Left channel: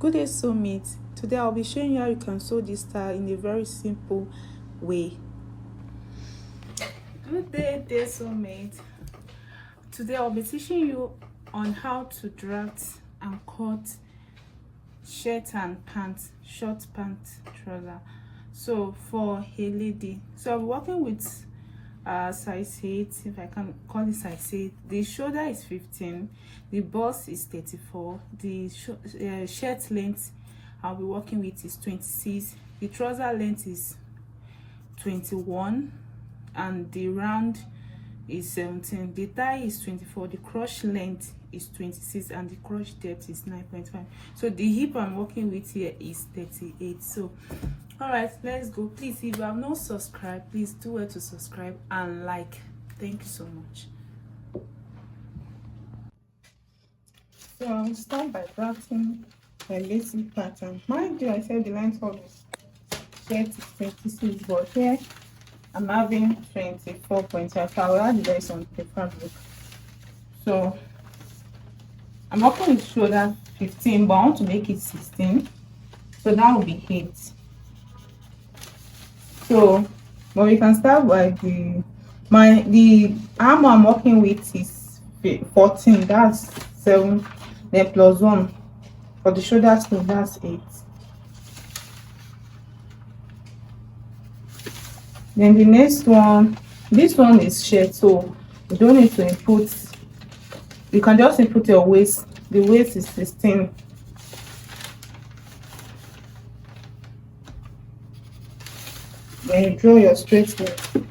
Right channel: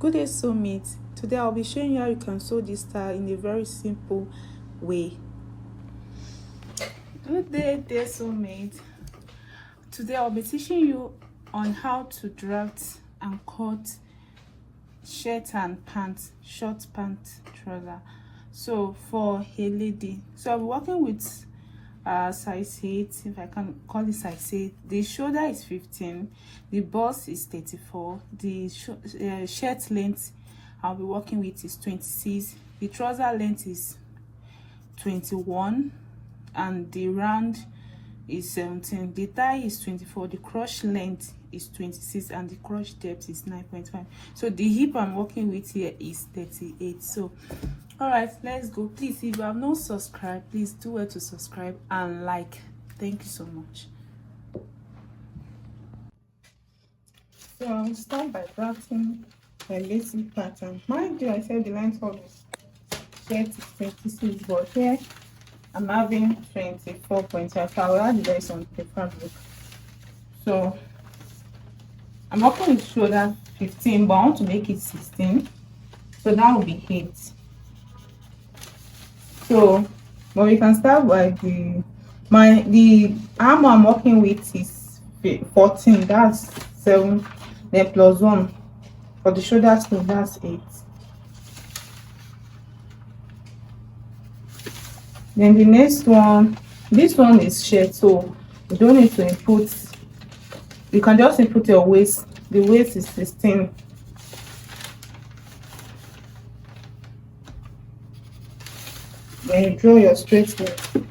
Good day, soulmate. Today I'll be showing you how you can sew this style in a very simple way. Good day, dear soulmate. Today I'll be teaching you on how to draft and cut shirt and pants, short pant trouser. So for a lady, so I'm working with size 8, if I can call it size 8. The shoulder is 15, the bust is 34, the shirt length I'll be working with is 26, the trouser length is 21, and the round is 17, the thigh is 24, the crotch length is 26, and the crotch depth is 9.5. so the hip I'm working with here is 38. So all right, let's go. Please, if you have not subscribed, please do well to subscribe and like. Thank you so much. So I'll start by drafting my basic pattern. Mind you, I said the length of the shirt is 26, but here I'm having 24.5. I will add the rest on the fabric. So I'm working with shoulder 15, but I want to make it 16, so that will be 8. So, but we can start by the arm I'm working with is 14. That's 7. Then plus 1 for the shoulder sleeve. That's 8. Then the next one, this one is shirt, so you don't need to input. You can just input your waist. The waist is 16. Then you draw your straight line.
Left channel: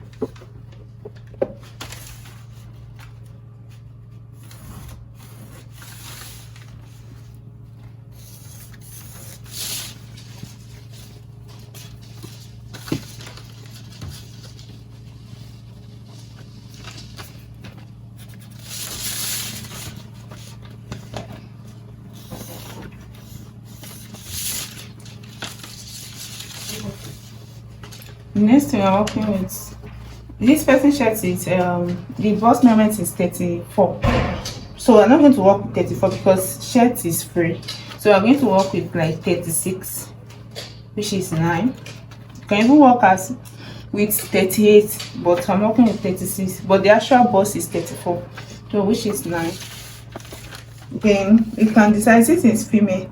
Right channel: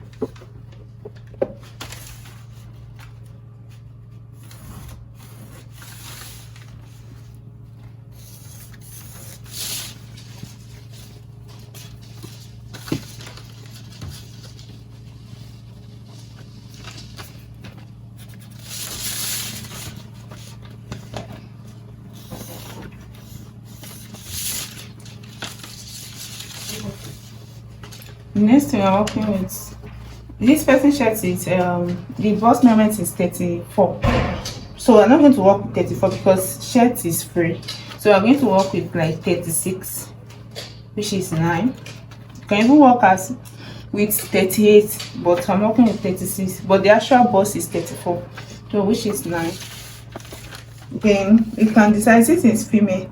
The next thing I'm working with, this person shirt is the bust measurement is 34, so I'm not going to work with 34 because shirt is free. So I'm going to work with like 36, which is 9. You can even work as with 38, but I'm working with 36, but the actual bust is 34, so which is 9. Then you can decide, since it's female,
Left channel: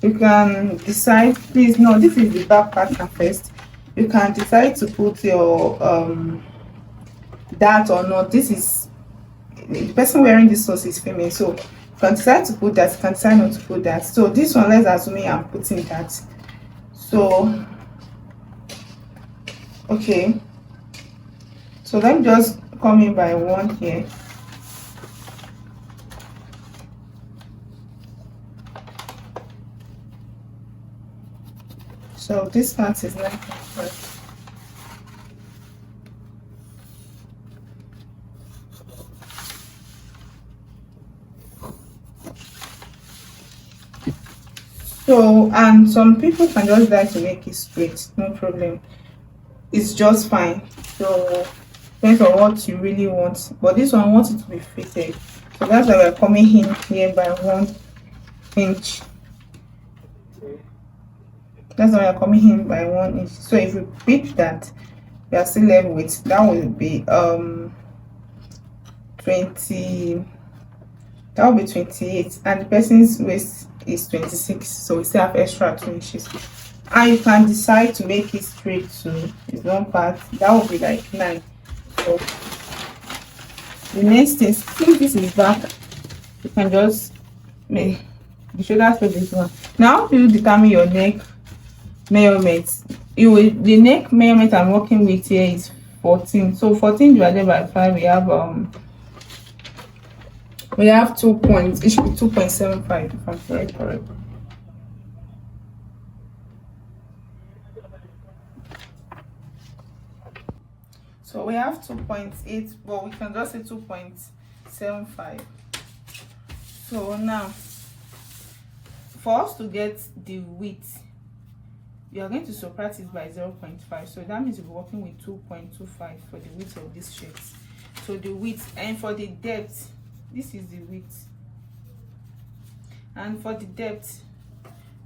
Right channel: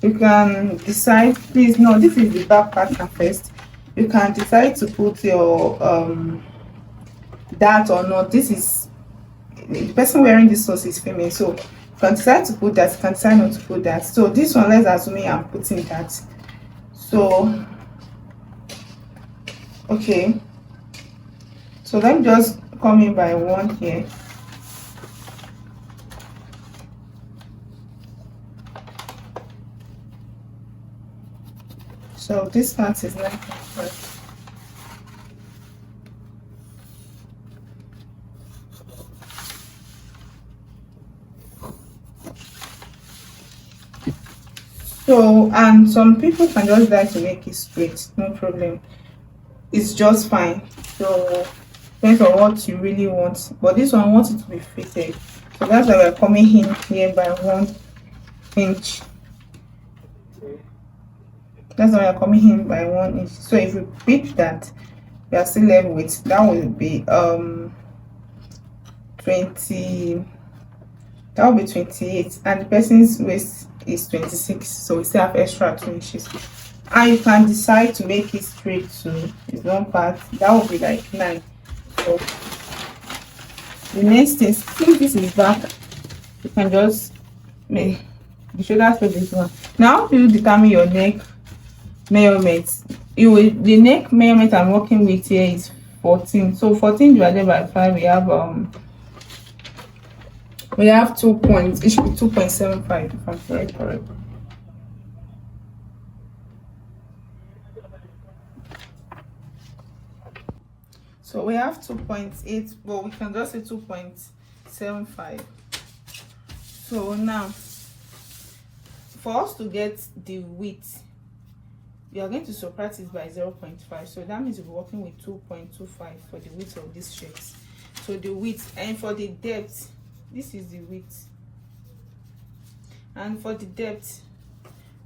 you can decide, please no, this is the back pattern first. You can decide to put your that or not. This is the person wearing this sauce is female, so you can decide to put that, you can decide not to put that. So this one, let's assume I'm putting that. So okay, so let me just come in by 1 here. So this part is 9.5. So, and some people can just like to make it straight, no problem. It's just fine. So depends on what you really want. But this one I want it to be fitted. So that's why we're coming in here by 1 inch. That's why we're coming in by 1 inch. So if you pick that, we are still left with, that will be 20, that will be 28, and the person's waist is 26, so we still have extra 2 inches. And you can decide to make it straight too. It's one part, that will be like 9. So the next thing, since this is back, you can just make the shoulder for this one. Now you determine your neck measurement. The neck measurement I'm working with here is 14. So 14 divided by 5, we have 2 points. It should be 2.75 if I'm correct. So we have 2.8, but we can just say 2.75. So now, for us to get the width, we are going to subtract it by 0.5. So that means we're working with 2.25 for the width of this shirt. So the width, and for the depth, this is the width. And for the depth,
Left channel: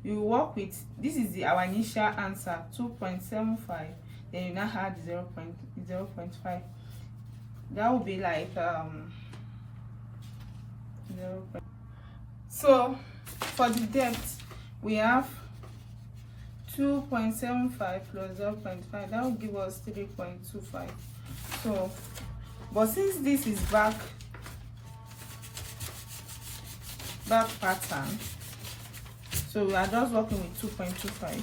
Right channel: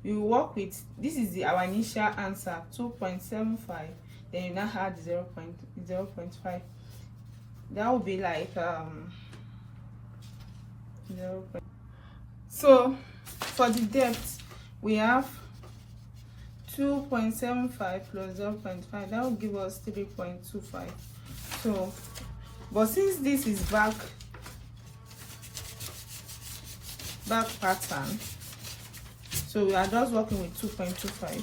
you work with, this is our initial answer, 2.75, then you now add 0.5. That will be like 0. So for the depth, we have 2.75 plus 0.5, that will give us 3.25. So, but since this is back pattern, so we are just working with 2.25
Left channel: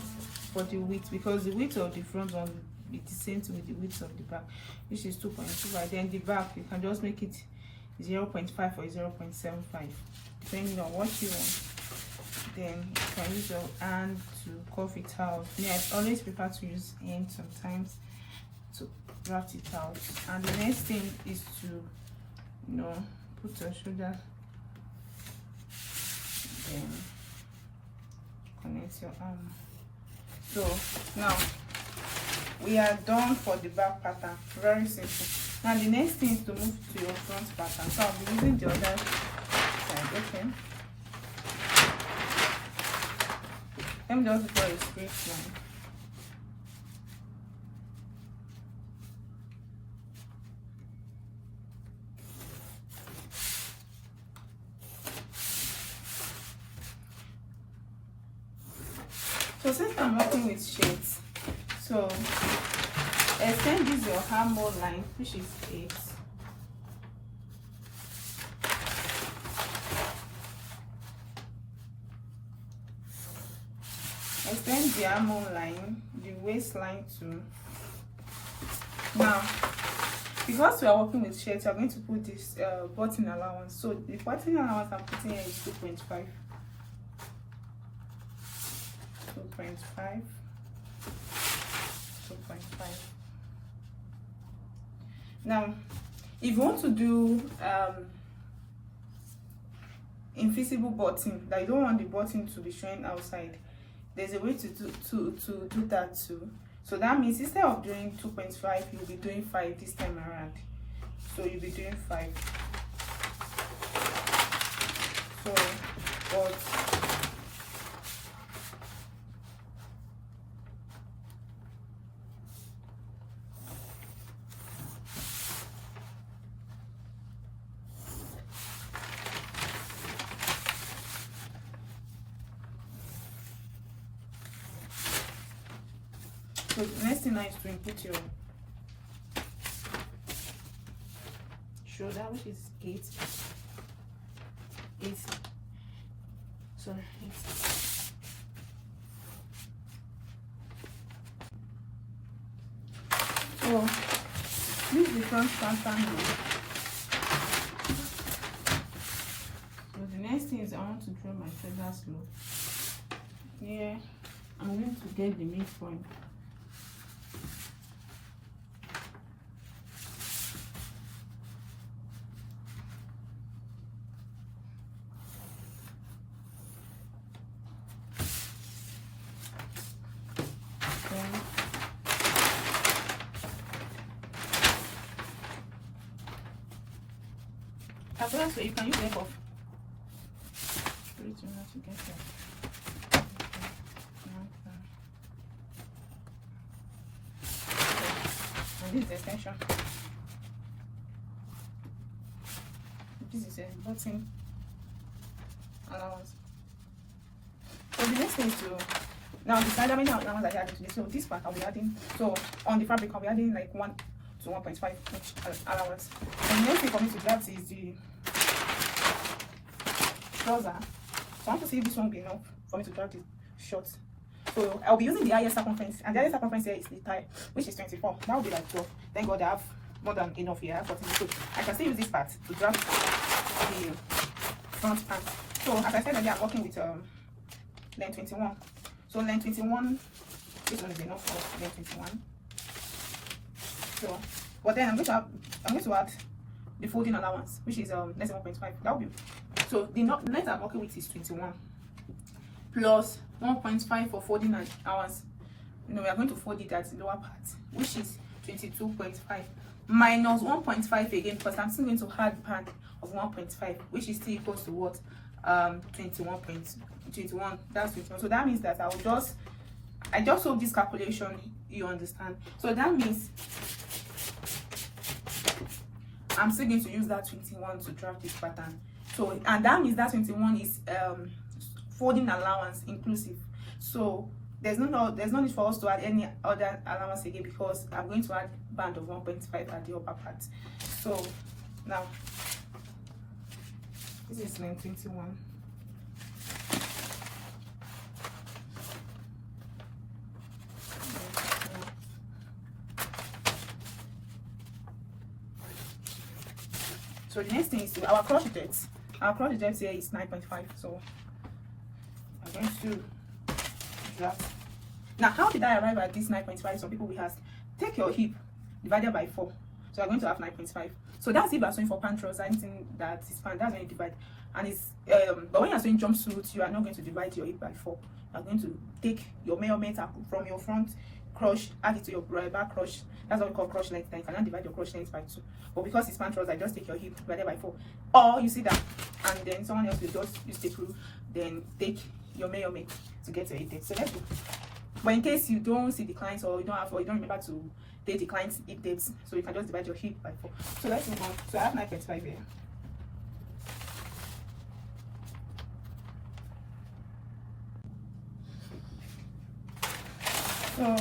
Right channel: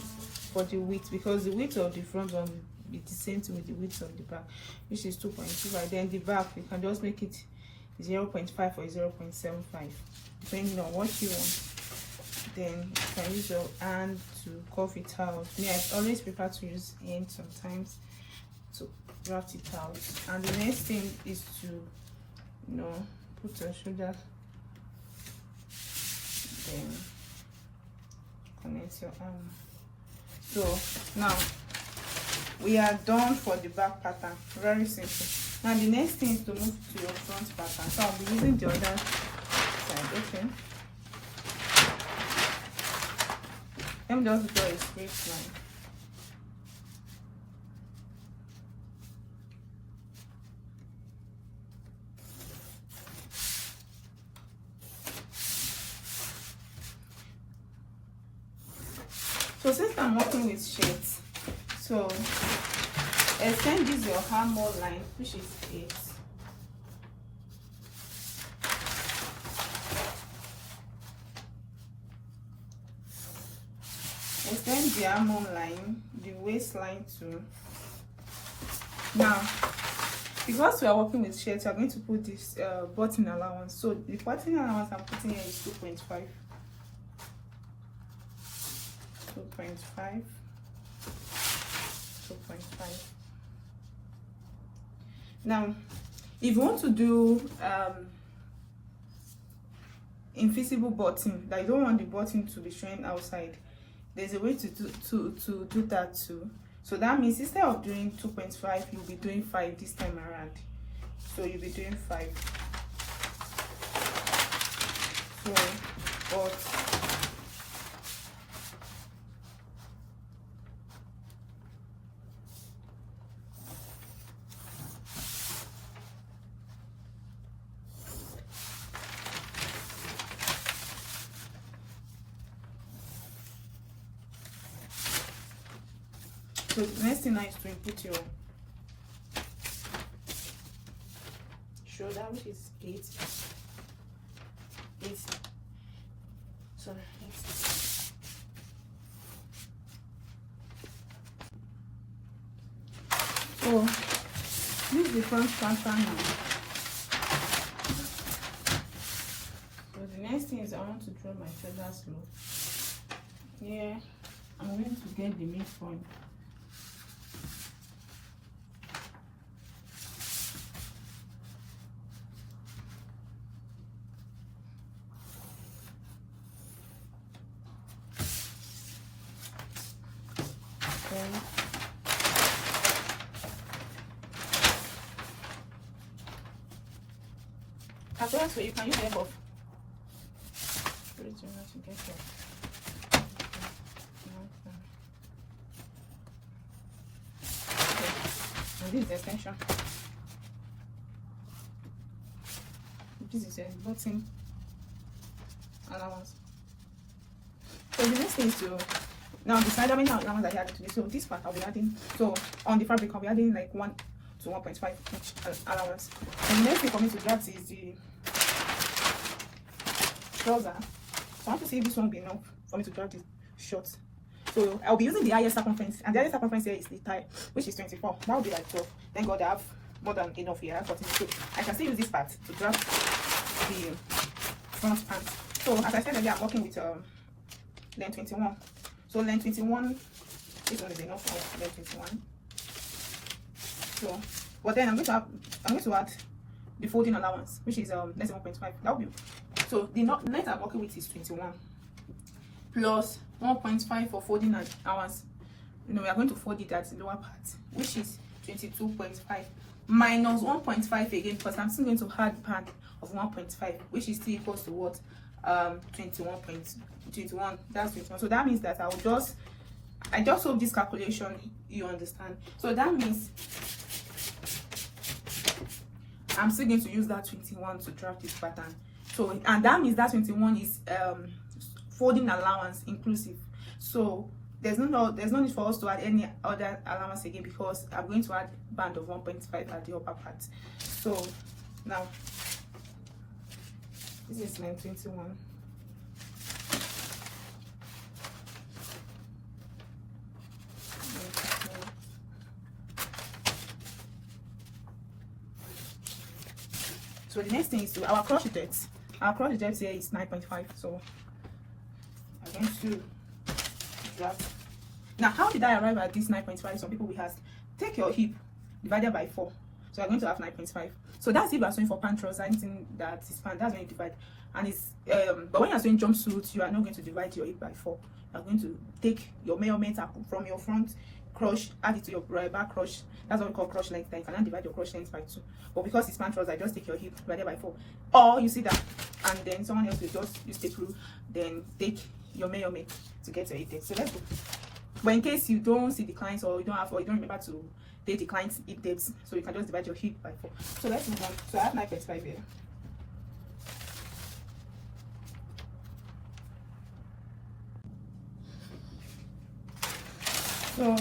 for the width, because the width of the front one will be the same thing with the width of the back, which is 2.25. Then the back, you can just make it 0.5 or 0.75 depending on what you want. Then you can use your hand to curve it out. Me, I always prefer to use hand sometimes to draft it out. And the next thing is to, you know, put your shoulder, then connect your arm. So now we are done for the back pattern. Very simple. Now the next thing is to move to your front pattern. So I'll be using the other side. Okay, let me just draw a straight line. So since I'm working with shades, so extend this your armhole line, which is 8. Extend the armhole line, the waistline too. Now, because we are working with shades, we are going to put this button allowance. So the button allowance I'm putting here is 2.5. 2.5. Now, if you want to do invisible button, like you don't want the button to be showing outside, there's a way to do that too. So that means instead of doing 2.5, you'll be doing 5 this time around. So you'll be doing 5. So, but so the next thing now is to input your shoulder, which is 8. Sorry, 8. So use the front pattern now. So the next thing is I want to draw my shoulders low. Yeah, I'm going to get the midpoint. As well, so you can use the above. This is extension. This is a button allowance. So the next thing is to now decide how many allowance I have today. So this part I'll be adding. So on the fabric I'll be adding like 1 to 1.5 allowance. And the next thing for me to draft is the trouser. So I want to see if this won't be enough for me to draft the shorts. So I'll be using the highest circumference, and the highest circumference here is the thigh, which is 24. That will be like 12. Thank God I have more than enough here. I have 14. So I can still use this part to draft the front pants. So as I said earlier, I'm working with length 21. So length 21, this one is enough for length 21. So, but then I'm going to add the folding allowance, which is less than 1.5. That will be, so the length I'm working with is 21 plus 1.5 for folding allowance. You know, we are going to fold it at the lower part, which is 22.5 minus 1.5 again, because I'm still going to add part of 1.5, which is still equals to what? 21.21. That's 21. So that means that I just hope this calculation you understand. So that means I'm still going to use that 21 to draft this pattern. So, and that means that 21 is folding allowance inclusive. So there's no need for us to add any other allowance again, because I'm going to add band of 1.5 at the upper part. So now this is line 21. So the next thing is to our crochet depth. Our crochet depth here is 9.5. So I'm going to draft. Now, how did I arrive at this 9.5? Some people will ask, take your hip divided by 4. So I'm going to have 9.5. So that's if you're sewing for pant trouser, anything that is pant, that's when you divide. And it's but when you're sewing jumpsuit, you are not going to divide your hip by 4. You're going to take your measurement from your front crush, add it to your back crush. That's what we call crush length. Then you cannot divide your crush length by 2. But because it's pant trouser, just take your hip divided by 4. Or you see that, and then someone else will just use the rule, then take your measurement to get your hip depth. So let's go. But in case you don't see the clients, or you don't remember to take the client's hip depth, so you can just divide your hip by 4. So let's move on. So I have 9.5 here. So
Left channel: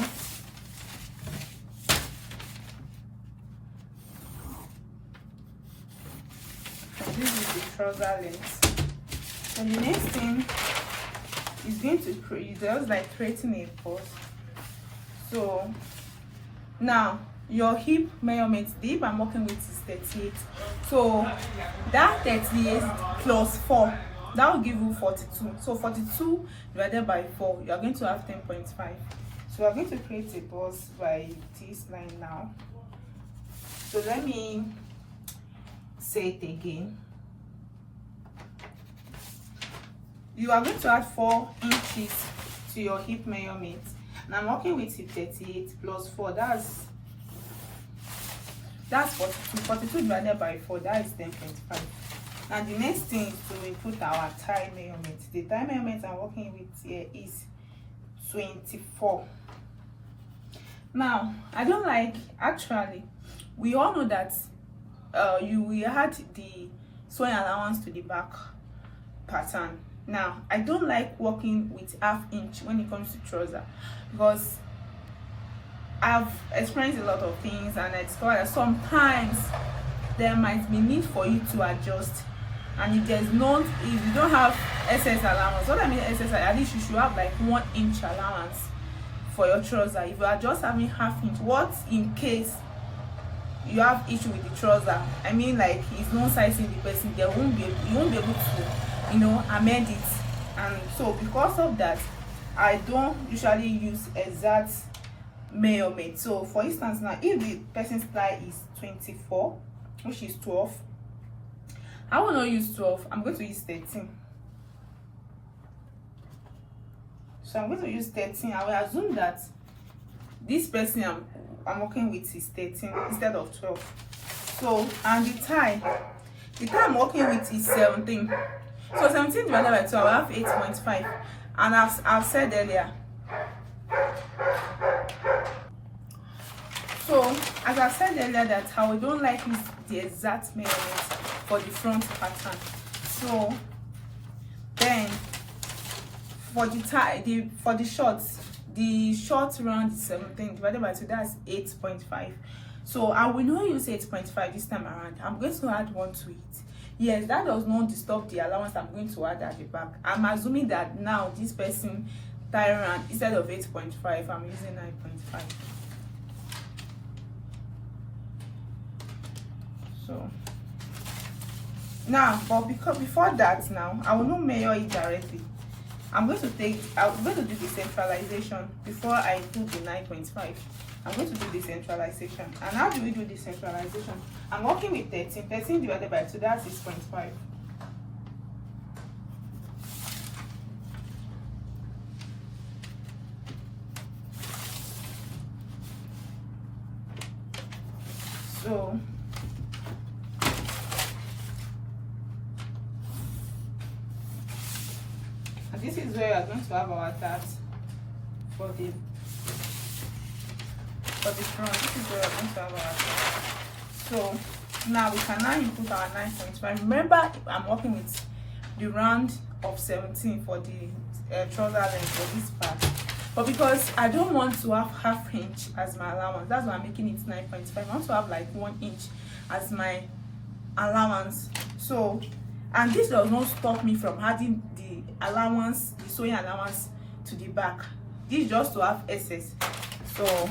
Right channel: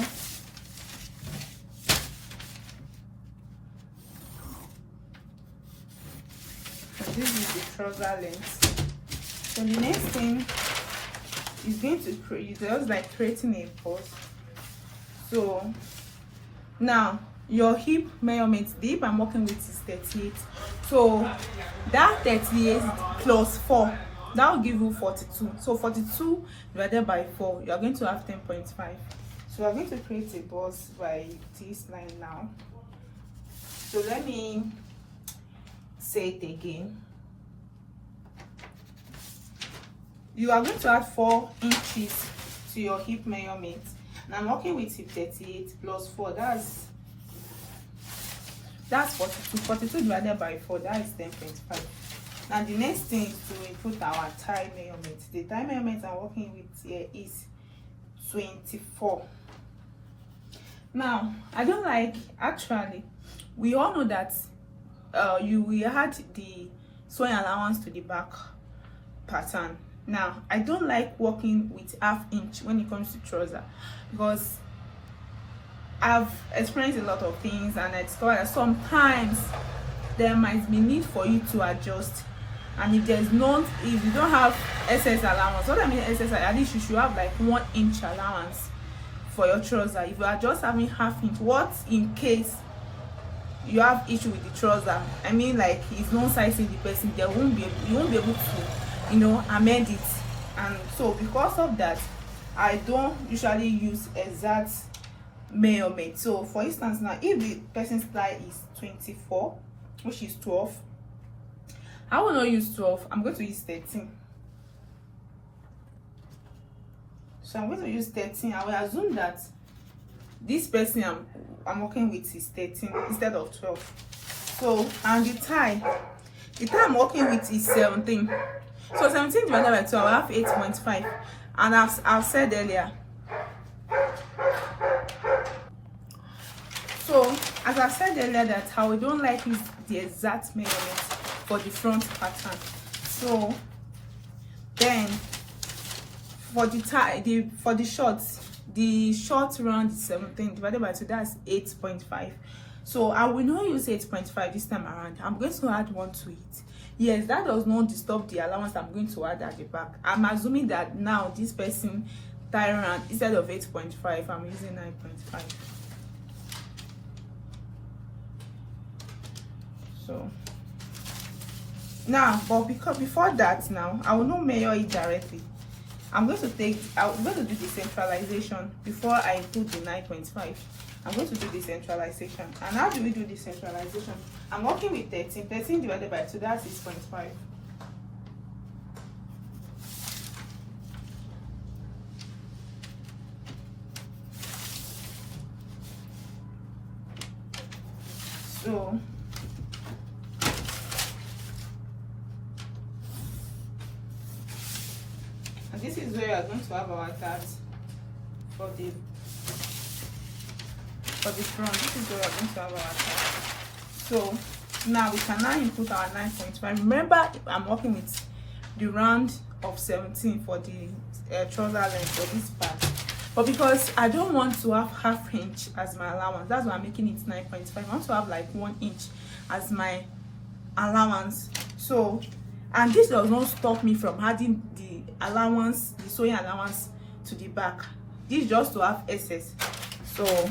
this is the trouser length. So the next thing is going to create just like creating a pause. So now your hip measurement, the hip I'm working with is 38. So that 38 plus 4, that will give you 42. So 42 divided by 4, you are going to have 10.5. So I'm going to create a pause by this line now. So let me say it again. You are going to add 4 inches to your hip measurement. And I'm working with hip 38 plus 4. That's 42. 42 divided by 4, that is 10.5. And the next thing is to put our thigh measurement. The thigh measurement I'm working with here is 24. Now, I don't like, actually, we all know that you will add the sewing allowance to the back pattern. Now, I don't like working with ½ inch when it comes to trouser, because I've experienced a lot of things, and I discovered that sometimes there might be need for you to adjust. And if you don't have excess allowance, what I mean excess, at least you should have like 1 inch allowance for your trouser. If you are just having ½ inch, what in case you have issue with the trouser? I mean, like, it's no sizing the person, you won't be able to, amend it. And so because of that, I don't usually use exact measurement. So for instance, now if the person's thigh is 24, which is 12, I will not use 12, I'm going to use 13. So I'm going to use 13. I will assume that this person I'm working with is 13 instead of 12. So, and the thigh I'm working with is 17. So 17 divided by 12, I have 8.5. And I've said earlier, so as I said earlier, that I don't like is the exact measurement for the front pattern. So then for the tie, for the shorts, the short round is 17 divided by 2, that's 8.5. So I will not use 8.5 this time around. I'm going to add 1 to it. Yes, that does not disturb the allowance I'm going to add at the back. I'm assuming that now this person tie round, instead of 8.5, I'm using 9.5. So now, but because before that, now I will not measure it directly. I'm going to do the centralization before I do the 9.5. I'm going to do the centralization. And how do we do the centralization? I'm working with 13. 13 divided by 2, that's 6.5. So where we are going to have our dart for the front. This is where we are going to have our dart. So now we can now input our 9.5. Remember, I'm working with the round of 17 for the trouser length for this part, but because I don't want to have half inch as my allowance, that's why I'm making it 9.5. I want to have like 1 inch as my allowance. So, and this does not stop me from adding the allowance, the sewing allowance to the back. This is just to have excess. So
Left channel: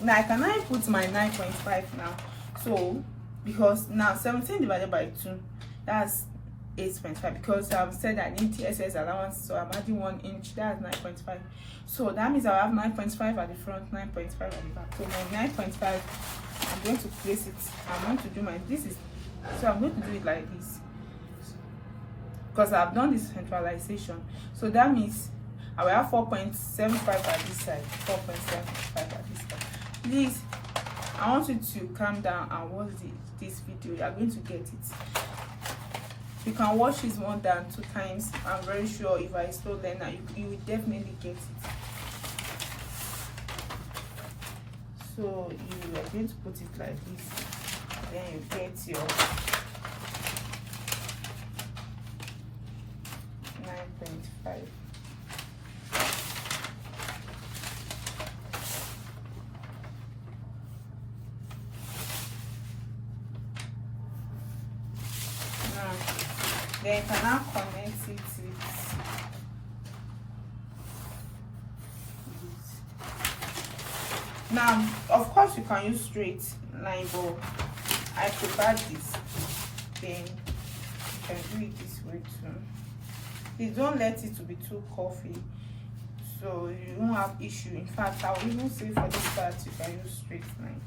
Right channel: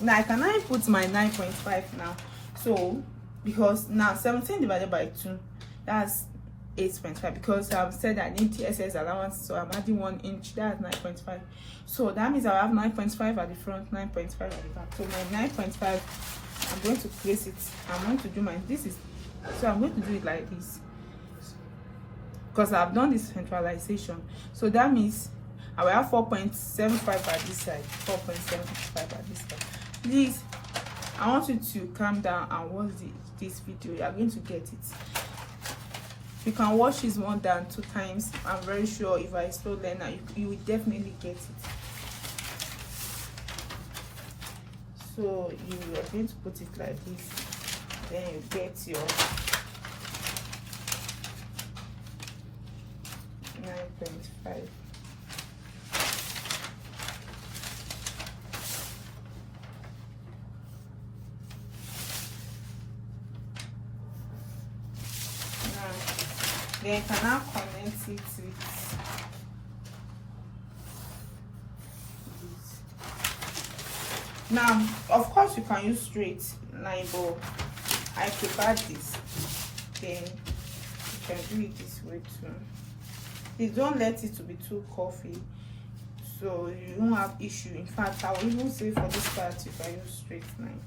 now I can now put my 9.5 now. So because now 17 divided by 2, that's 8.5, because I've said I need TSS allowance, so I'm adding 1 inch, that's 9.5. So that means I have 9.5 at the front, 9.5 at the back. So my 9.5, I'm going to place it. I'm going to do my, this is, so I'm going to do it like this, because I've done this centralization. So that means I will have 4.75 at this side, 4.75 at this side. Please, I want you to calm down and watch this video. You are going to get it. You can watch this more than 2 times. I'm very sure if I slow learner, you will definitely get it. So you are going to put it like this, then you get your 9.5. Then you can now connect it with this. Now, of course, you can use straight line, but I prefer this. Then you can do it this way too. Please don't let it to be too coffee, so you won't have issue. In fact, I will even say for this part you can use straight line.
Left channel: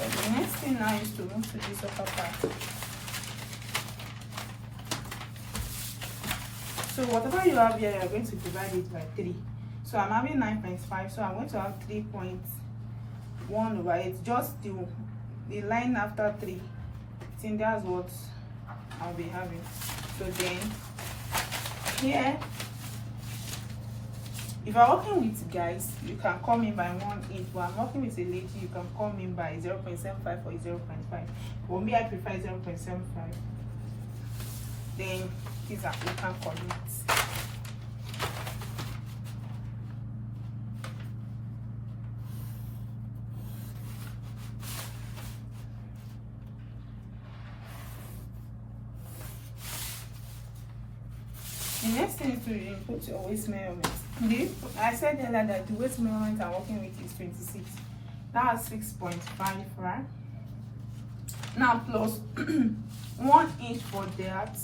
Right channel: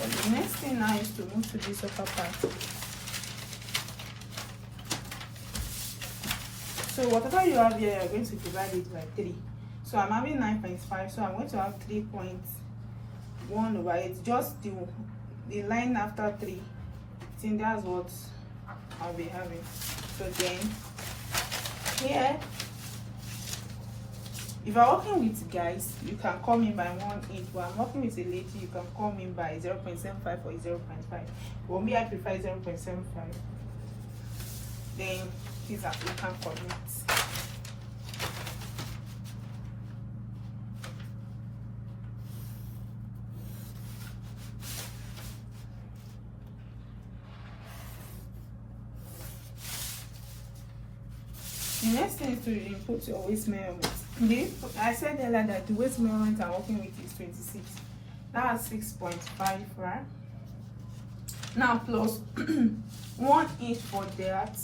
The next thing now is to move to this upper part. So whatever you have here, you're going to divide it by 3. So I'm having 9.5, so I'm going to have 3.1 over 8. Just the line after 3. I think that's what I'll be having. So then here, if you're working with guys, you can call me by 1/8, but I'm working with a lady, you can call me by 0.75 or 0.5. For me, I prefer 0.75. Then these are African coordinates. The next thing is to input your waist measurement. I said earlier that the waist measurement I'm working with is 26. That's 6.5, right? Now plus 1 inch for that.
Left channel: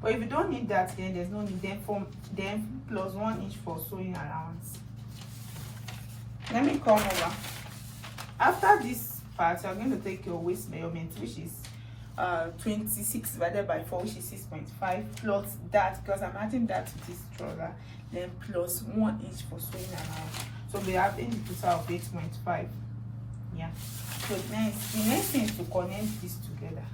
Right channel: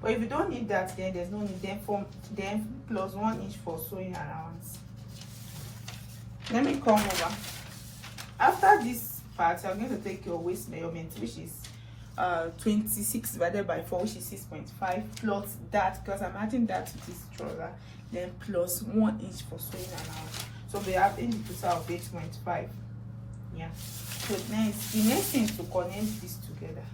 But if you don't need that, then there's no need. Then plus 1 inch for sewing allowance. Let me come over. After this part, I'm going to take your waist measurement, which is 26 divided by 4, which is 6.5, plus that, because I'm adding that to this trouser, then plus 1 inch for sewing allowance. So we have a total of 8.5. Yeah. So next, the next thing is to connect this together.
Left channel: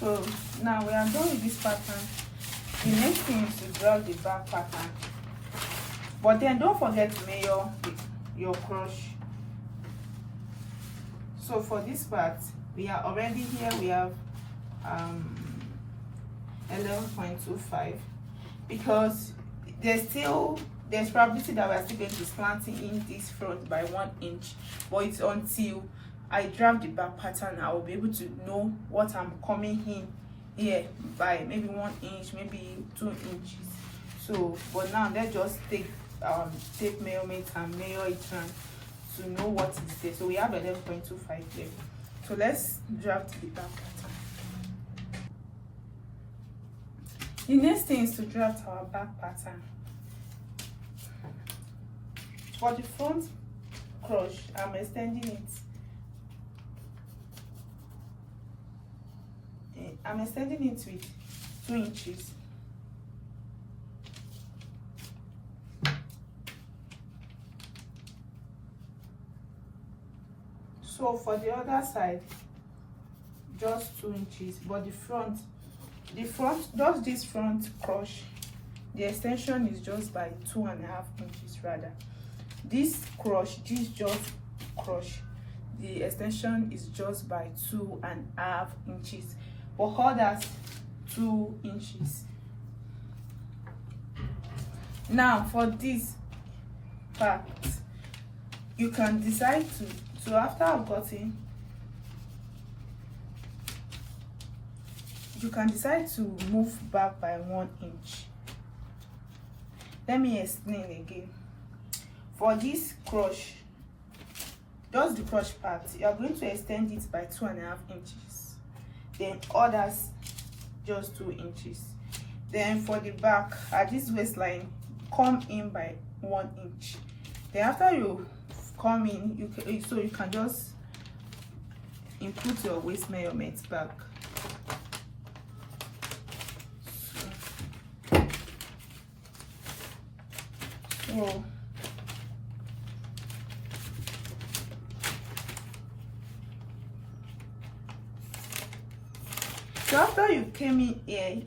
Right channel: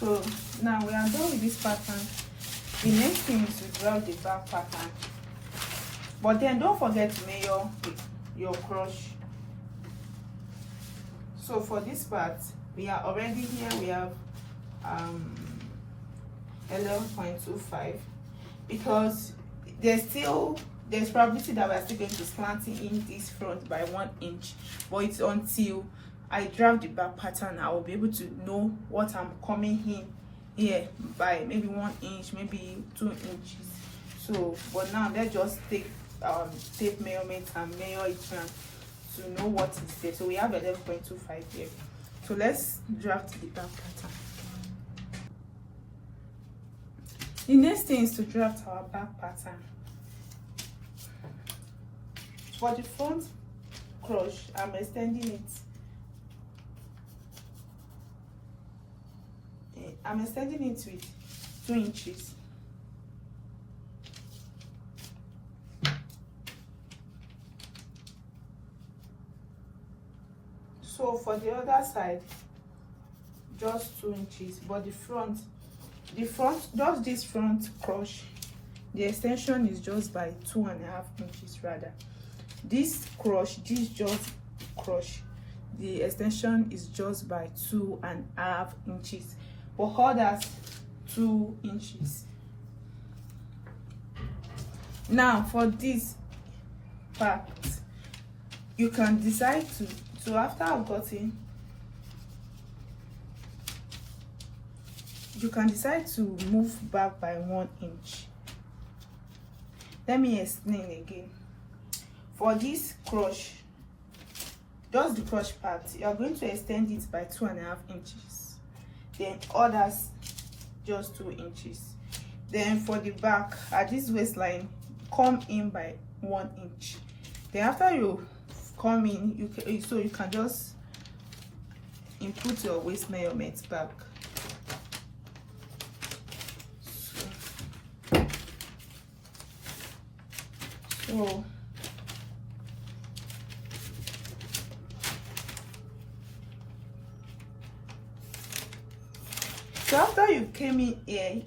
So now we are done with this pattern. The next thing is to draw the back pattern. But then don't forget to measure your crush. So for this part, we are already here, we have 11.25, because there's probability that we're still going to be slanting in this front by 1 inch, but it's until I draft the back pattern, I will be able to know what I'm coming in here by maybe 1 inch, maybe 2 inches. So but now let's just take tape measurements and measure it to know what is there. So we have 11.25 there. So let's draft the back pattern. The next thing is to draft our back pattern. For the front crush, I'm extending it. I'm extending it with 2 inches. So for the other side, just 2 inches, but the front, just this front crush, the extension is just by 2.5 inches rather. This crush, this just crush, the extension is just by 2.5 inches. For others, 2 inches. Now for this part, you can decide to after I've gotten, you can decide to move back by 1 inch. Let me explain again. For this crush, just the crush part, you are going to extend it by 2.5 inches. Then others just 2 inches. Then for the back, at this waistline, come in by 1 inch. Then after you come in, you can just input your waist measurements back. So after you came in here,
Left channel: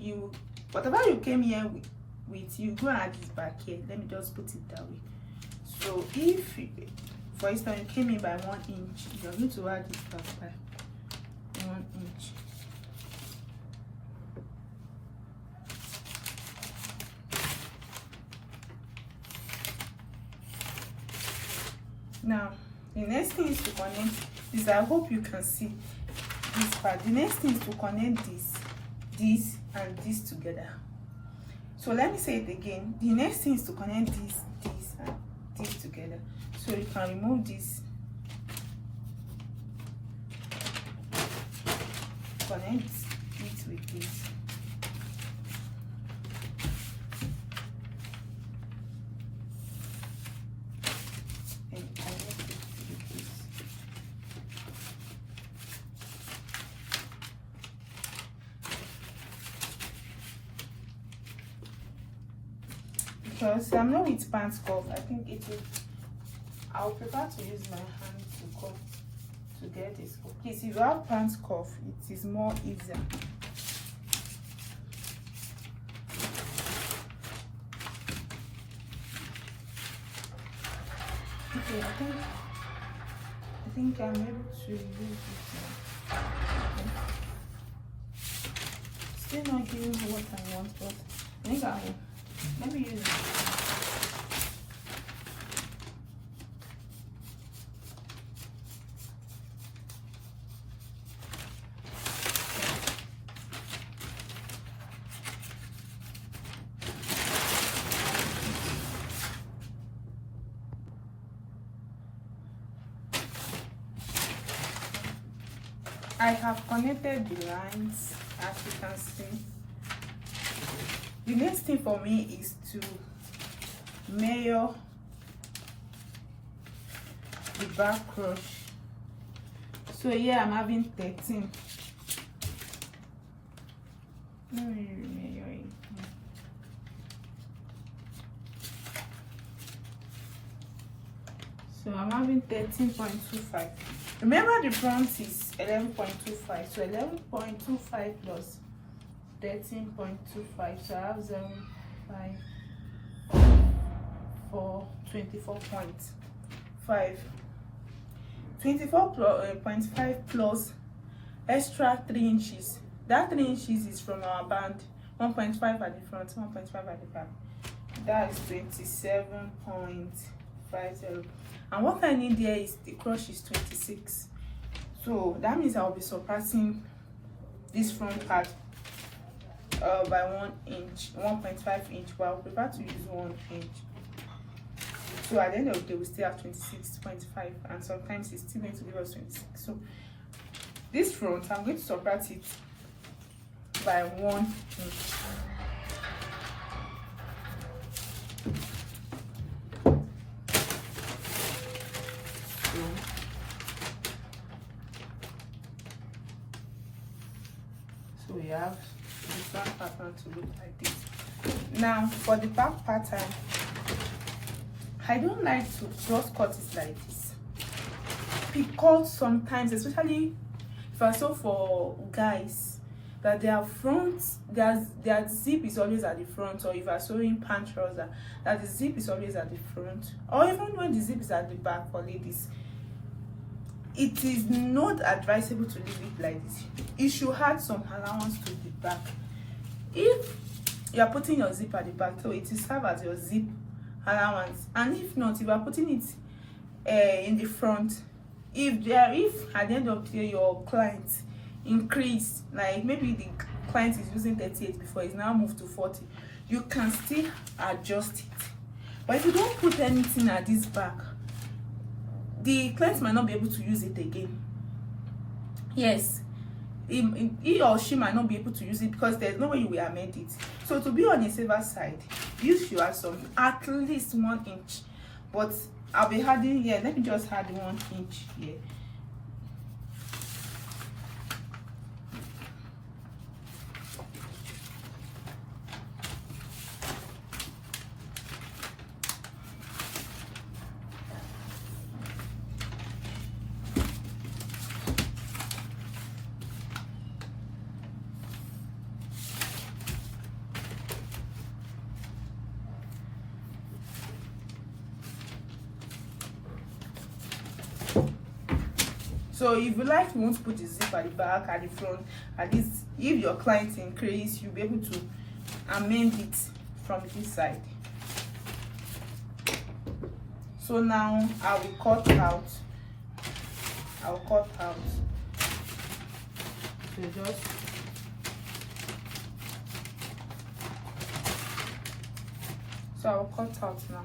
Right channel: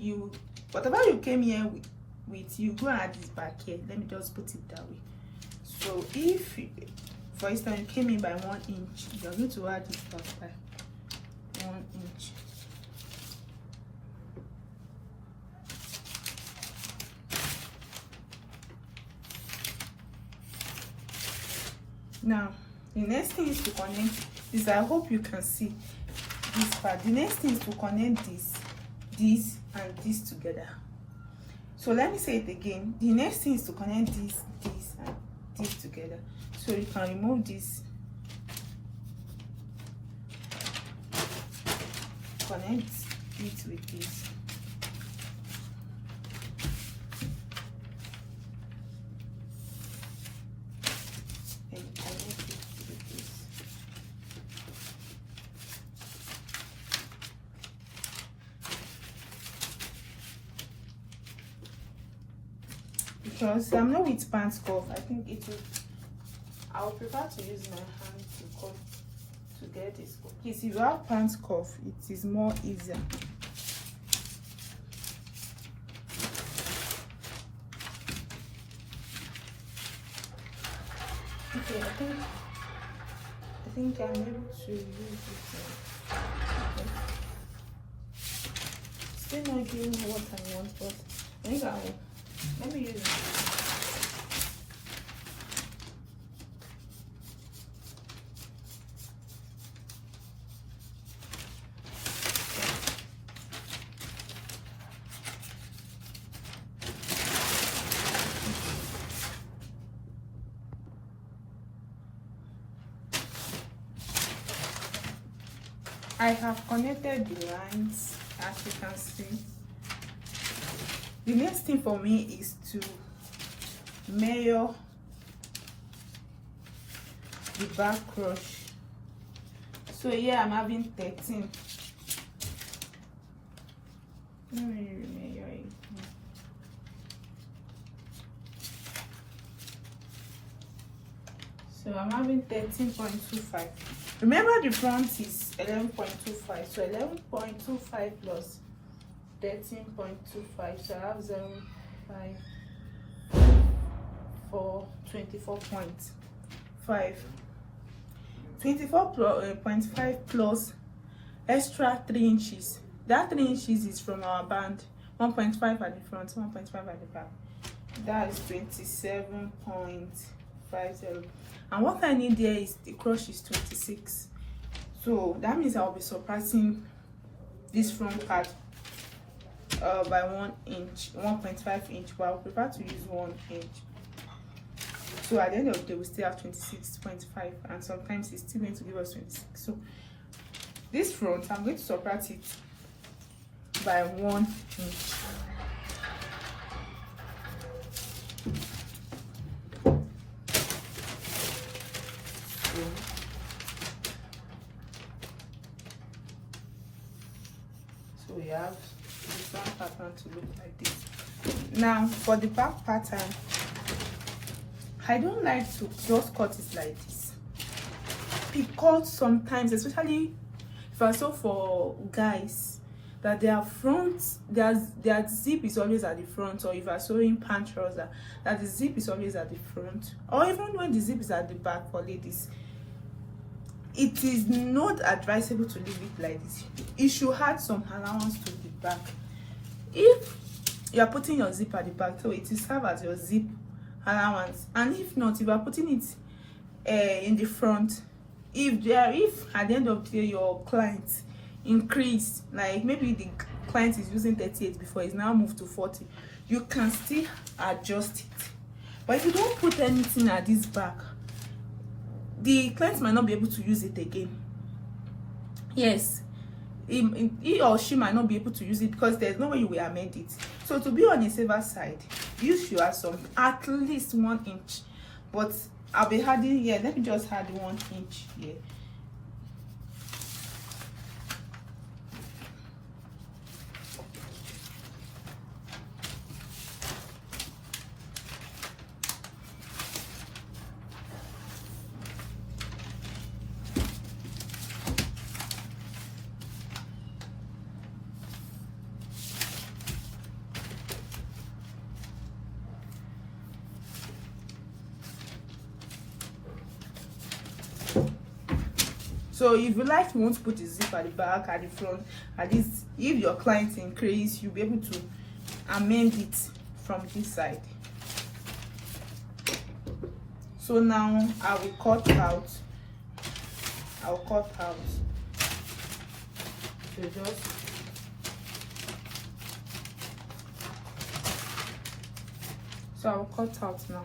whatever you came here with, you go and add this back here. Let me just put it that way. So if, for instance, you came in by 1 inch, you're going to add this back by 1 inch. Now, the next thing is to connect this. I hope you can see this part. The next thing is to connect this and this together. So let me say it again. The next thing is to connect this and this together. So you can remove this, connect it with this. Because I'm not with pants cuff, I think I would prefer to use my hand to cuff to get this cuff. Please, if you have pants cuff, it is more easier. Okay, I think I'm able to use this one. Okay. Still not doing what I want, but I think let me use it. I have connected the lines, as you can see. The next thing for me is to measure the back crush. So here I'm having 13. Let me measure it. So I'm having 13.25. Remember the front is 11.25. So 11.25 plus 13.25. So I have 0.5 for 24.5. 24.5 plus extra 3 inches. That 3 inches is from our band. 1.5 at the front, 1.5 at the back. That is 27.50. And what I need there is the crush is 26. So that means I'll be subtracting this front part by 1 inch, 1.5 inch, but I prefer to use 1 inch. So at the end of the day, we still have 26.5, and sometimes it's still going to give us 26. So this front, I'm going to subtract it by 1 inch. So we have this one pattern to look like this. Now for the back pattern, I don't like to just cut it like this, because sometimes, especially if I sew for guys, that their front, their zip is always at the front, or if I sewing pant trouser, that the zip is always at the front, or even when the zip is at the back for ladies, it is not advisable to leave it like this. You should add some allowance to the back. If you are putting your zip at the back, so it will serve as your zip allowance, and if not, if you are putting it in the front, if at the end of the day your client increase, like maybe the client is using 38 before, it's now moved to 40, you can still adjust it. But if you don't put anything at this back, the client might not be able to use it again. Yes, he or she might not be able to use it because there's no way you will amend it. So to be on the safer side, you should add some, at least 1 inch. But I'll be adding here, let me just add 1 inch here. So if you like, you want to put the zip at the back, at the front, at least if your client increase, you'll be able to amend it from this side. So now I will cut out. So I'll cut out now.